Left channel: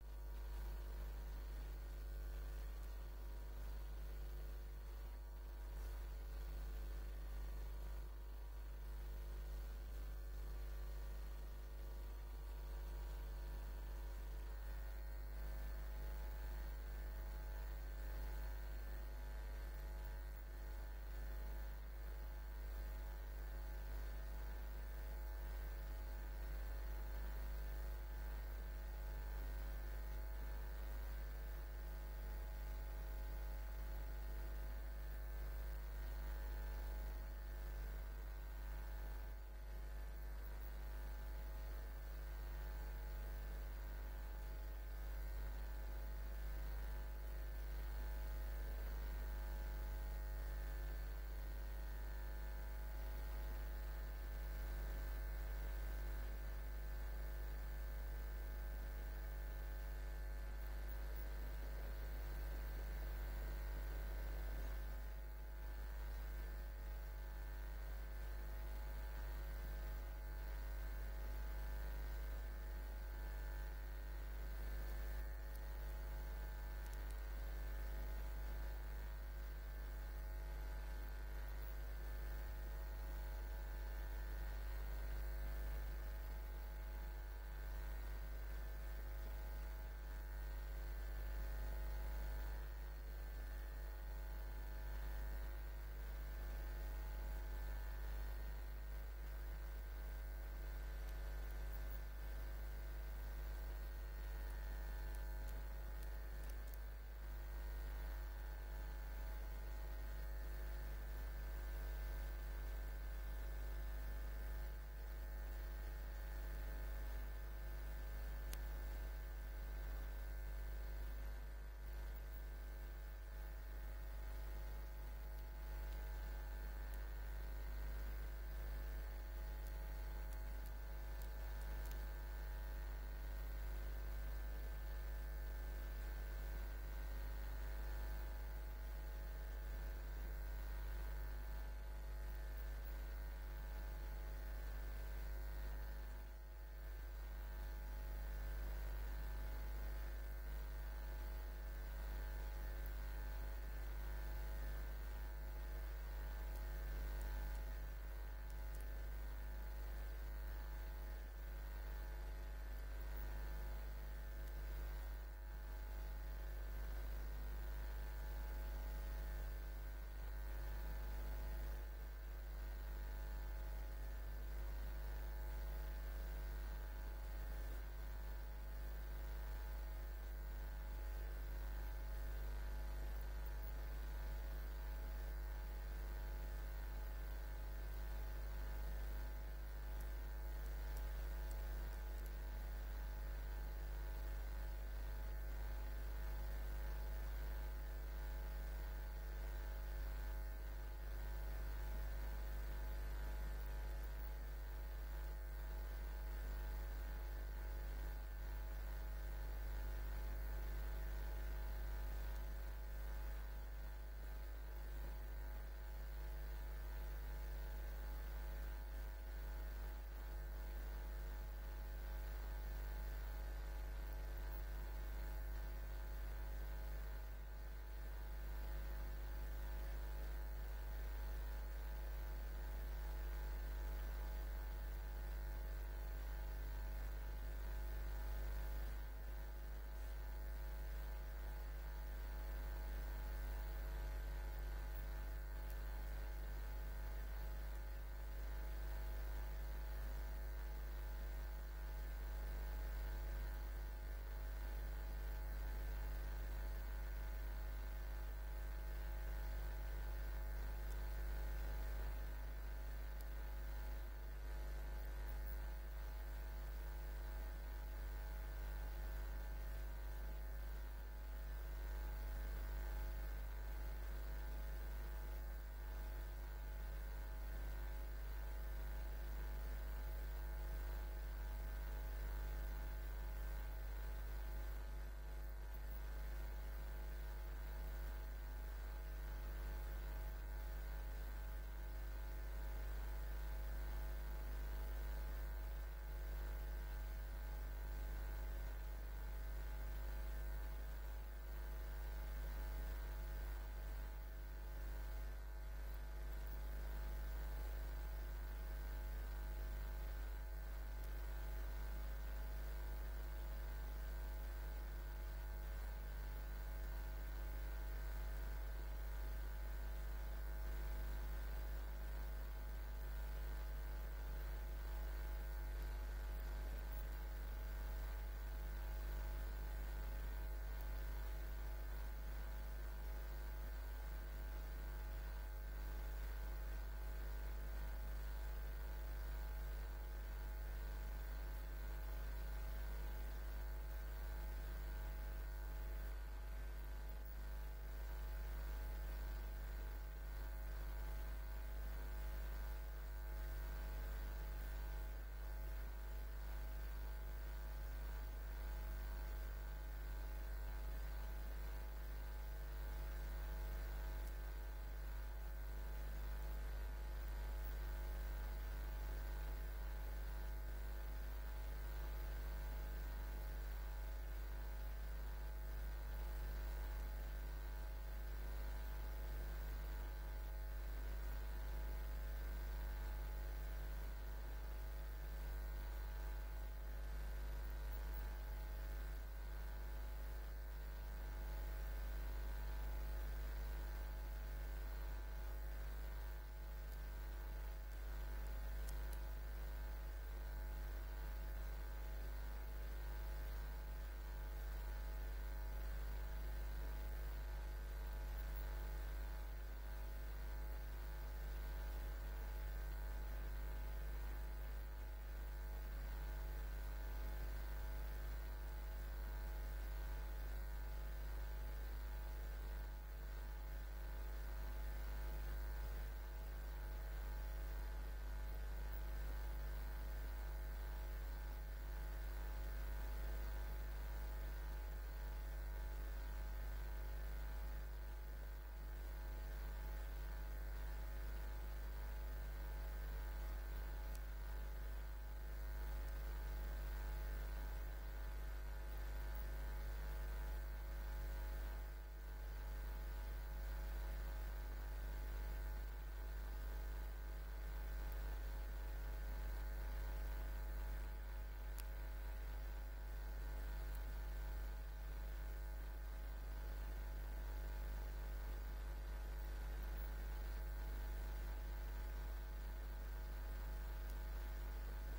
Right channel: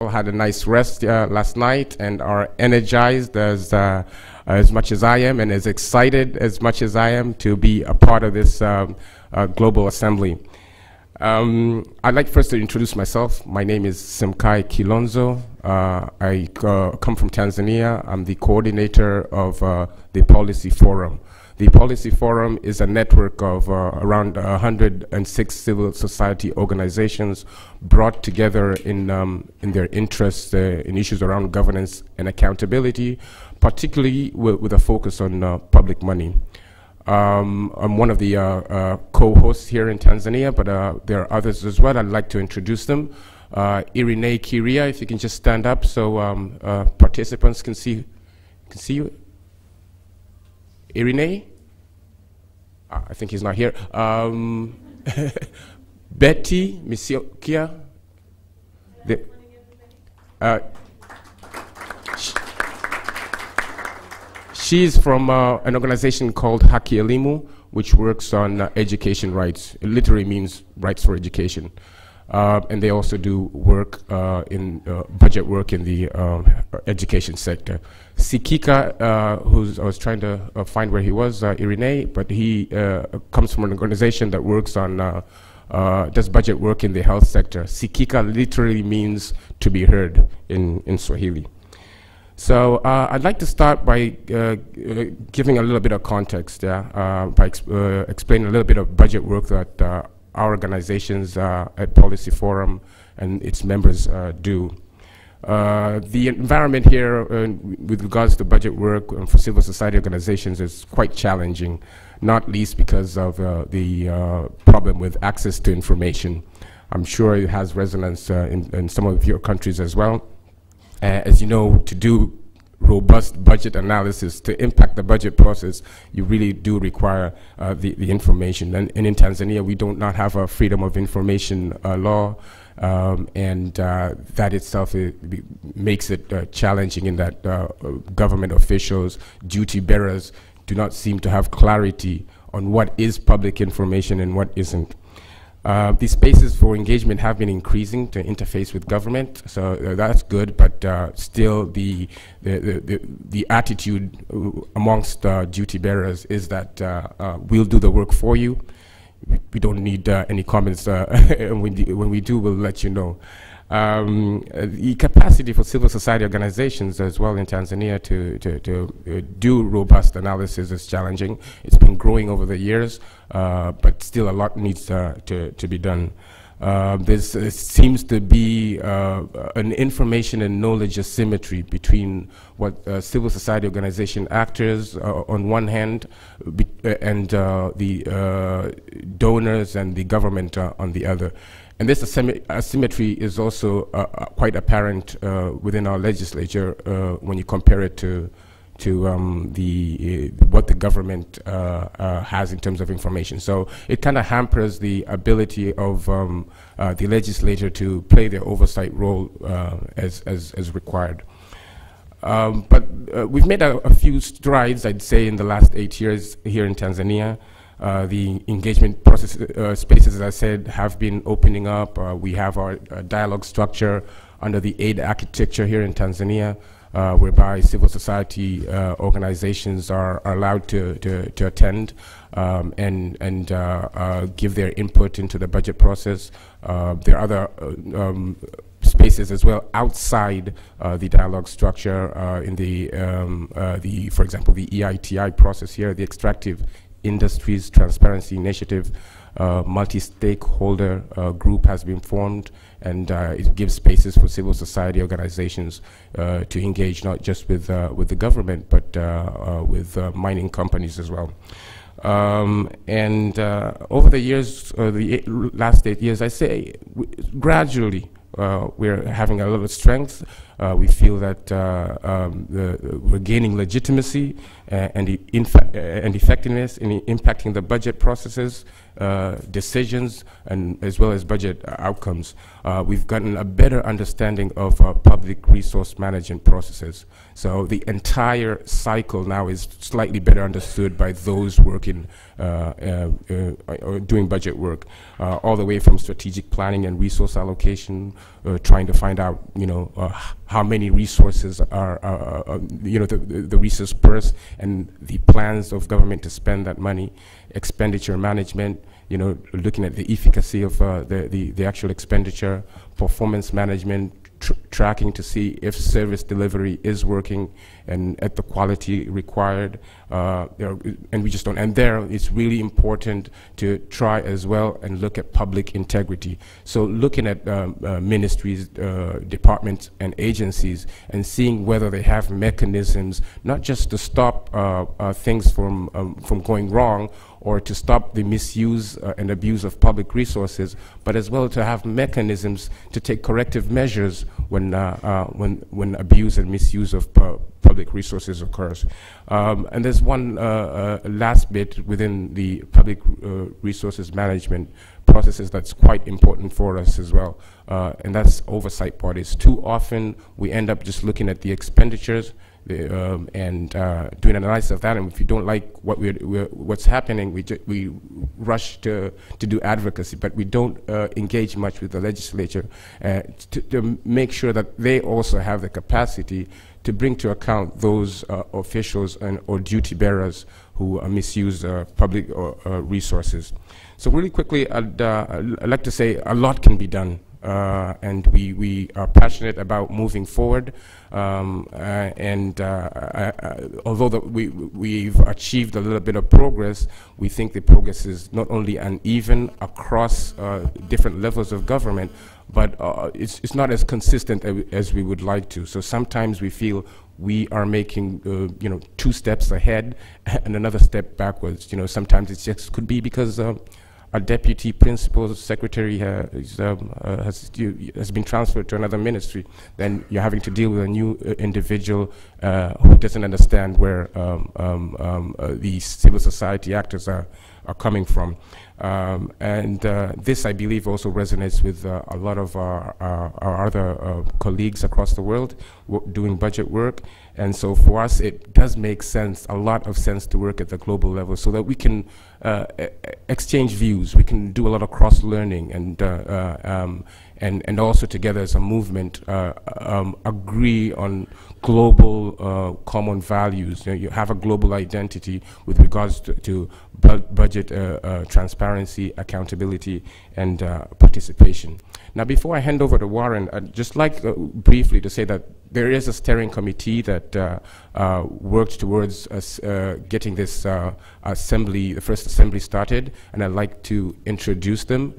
All had a nice rest last night and are energized as much as I am and as excited as much as I am to be a part of this global assembly. I'd like first to introduce myself. My name is Semkae Kilonzo. I come from Tanzania. I'm the coordinator of the Policy Forum. The Policy Forum is a network of around 106 civil society organizations brought together in their interests in issues around governance and accountability, particularly with a focus on public money. I'm one of the co-hosts here in Tanzania, but there are others as well. I'd like to introduce them. Irene Kiria, if you can just stand up so participants can see you. Irene? I think he's not here. Betty Misiokia. She's from an organization called Haki Elimu, which works on education rights. It literally means rights for education. And they also do work in budget work in the education sector. Sikika, I was trying to find where he was, Irene, but he comes from an organization that works on, does budget work in the health sector. Sikika literally means to be heard in Swahili. So I'd like to start by giving a little bit of context, by explaining a little bit of budget work that our organizations at Policy Forum and its members do. The environment here with regards to budget work for civil society organizations is quite challenging, not least because of the problem with access to information. I'm sure it has resonance in some of your countries as well. As you know, to do robust budget analysis, to impact the budget process, you really do require the information. And in Tanzania, we do not have a freedom of information law, and that itself makes it challenging in that government officials, duty bearers, do not seem to have clarity on what is public information and what isn't. These spaces for engagement have been increasing to interface with government, so that's good, but still the attitude amongst duty bearers is that we'll do the work for you. We don't need any comments, and when we do, we'll let you know. The capacity for civil society organizations as well in Tanzania to do robust analysis is challenging. It's been growing over the years, but still a lot needs to be done. There seems to be an information and knowledge asymmetry between what civil society organization actors on one hand and the donors and the government on the other. And this asymmetry is also quite apparent within our legislature when you compare it to what the government has in terms of information. So it kind of hampers the ability of the legislature to play their oversight role as required. But we've made a few strides, I'd say, in the last 8 years here in Tanzania. The engagement process spaces, as I said, have been opening up. We have our dialogue structure under the aid architecture here in Tanzania, whereby civil society organizations are allowed to attend and give their input into the budget process. There are other spaces as well outside the dialogue structure in for example, the EITI process here, the Extractive Industries Transparency Initiative. Multi-stakeholder group has been formed, and it gives spaces for civil society organizations to engage not just with the government, but with mining companies as well. And over the years, the last 8 years, I say gradually we're having a little strength. We feel that we're gaining legitimacy and effectiveness in impacting the budget processes decisions and as well as budget outcomes. We've gotten a better understanding of public resource management processes. So the entire cycle now is slightly better understood by those working or doing budget work, all the way from strategic planning and resource allocation, trying to find out, how many resources are, the resource purse and the plans of government to spend that money, expenditure management, looking at the efficacy of the actual expenditure, performance management, tracking to see if service delivery is working and at the quality required, and we just don't. And there, it's really important to try as well and look at public integrity. So looking at ministries, departments, and agencies, and seeing whether they have mechanisms, not just to stop things from going wrong, or to stop the misuse and abuse of public resources, but as well to have mechanisms to take corrective measures when abuse and misuse of public resources occurs. And there's one last bit within the public resources management processes that's quite important for us as well, and that's oversight bodies. Too often we end up just looking at the expenditures and doing an analysis of that, and if you don't like what's happening, we rush to do advocacy, but we don't engage much with the legislature to make sure that they also have the capacity to bring to account those officials or duty bearers who misuse public resources. So really quickly, I'd like to say a lot can be done, and we are passionate about moving forward. Although we've achieved a little bit of progress, we think the progress is not only uneven across different levels of government, but it's not as consistent as we would like to. So sometimes we feel we are making 2 steps ahead and another step backwards. Sometimes it just could be because a deputy principal secretary has been transferred to another ministry. Then you're having to deal with a new individual who doesn't understand where the civil society actors are coming from. This, I believe, also resonates with a lot of our other colleagues across the world doing budget work. And so for us, it does make sense, a lot of sense, to work at the global level so that we can exchange views. We can do a lot of cross-learning and also together as a movement agree on global common values. You have a global identity with regards to budget transparency, accountability, and participation. Now, before I hand over to Warren, I'd just like briefly to say that there is a steering committee that worked towards us getting this assembly, the first assembly, started, and I'd like to introduce them.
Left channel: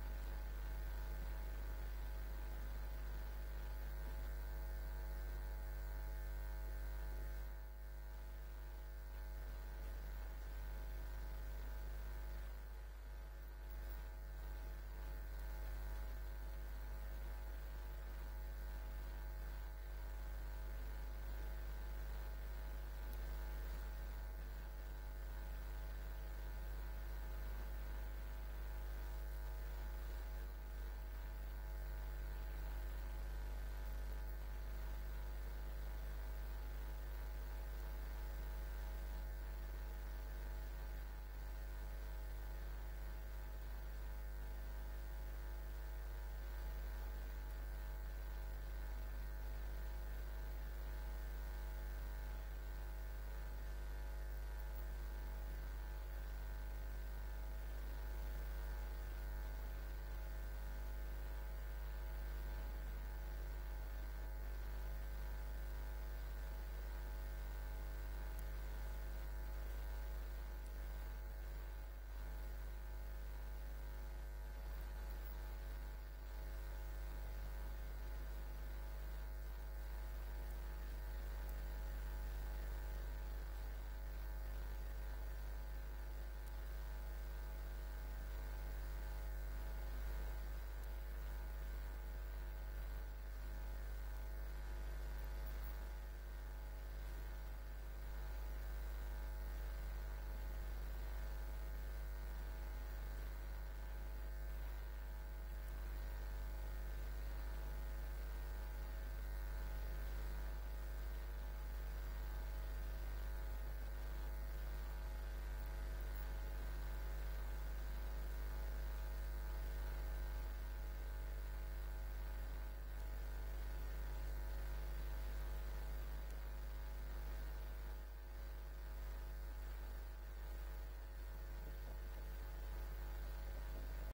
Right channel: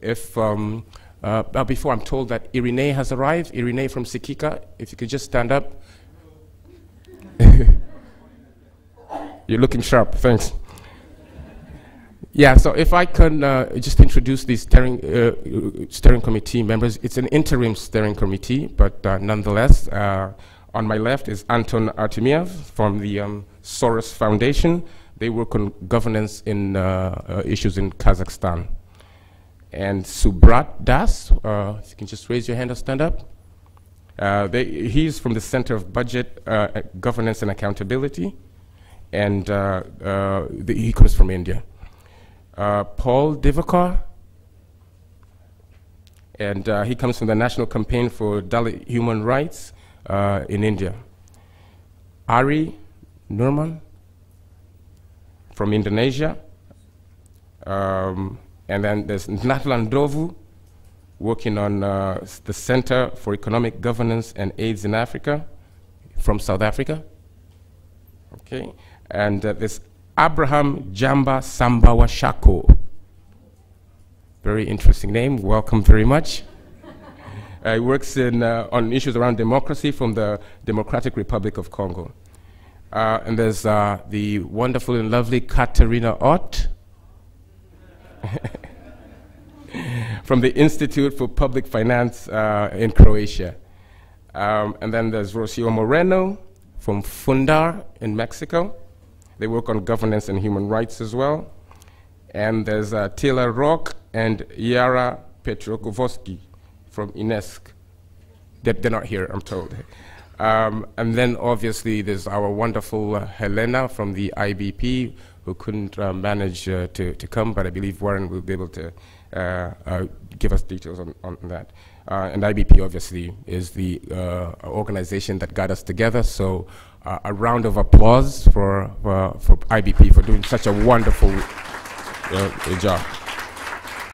Before I'm told that Irene has arrived, Irene from Sikika, if you could just stand up. You're looking sharp, thanks. Yeah, so if I can just introduce the steering committee members. It's an interim steering committee, but nonetheless, on my left is Anton Artemiev from the Soros Foundation. They work on governance in issues in Kazakhstan. And Subrat Das, if you can just raise your hand or stand up. He's from the Center of Budget, Governance and Accountability, and he comes from India. Paul Divakar, and he comes from the National Campaign for Dalit Human Rights in India. Ari Nurman from Indonesia. And then there's Natlan Dovu, working on the Center for Economic Governance and AIDS in Africa, from South Africa. Okay, and there's Abraham Jamba Sambawa Shako. Very interesting name, welcome very much. He works on issues around democracy from the Democratic Republic of Congo. And there's the wonderful and lovely Katarina Ott, from the Institute for Public Finance in Croatia. And then there's Rocio Moreno from Fundar in Mexico. They work on governance and human rights as well. And there's Taylor Rock and Yara Petrokovsky from UNESCO. They're not here, I'm told. And then obviously there's our wonderful Helena from the IBP, who couldn't manage to come, but I believe Warren will be able to give us details on that. And IBP obviously is the organization that got us together, so a round of applause for IBP for doing such a wonderful job.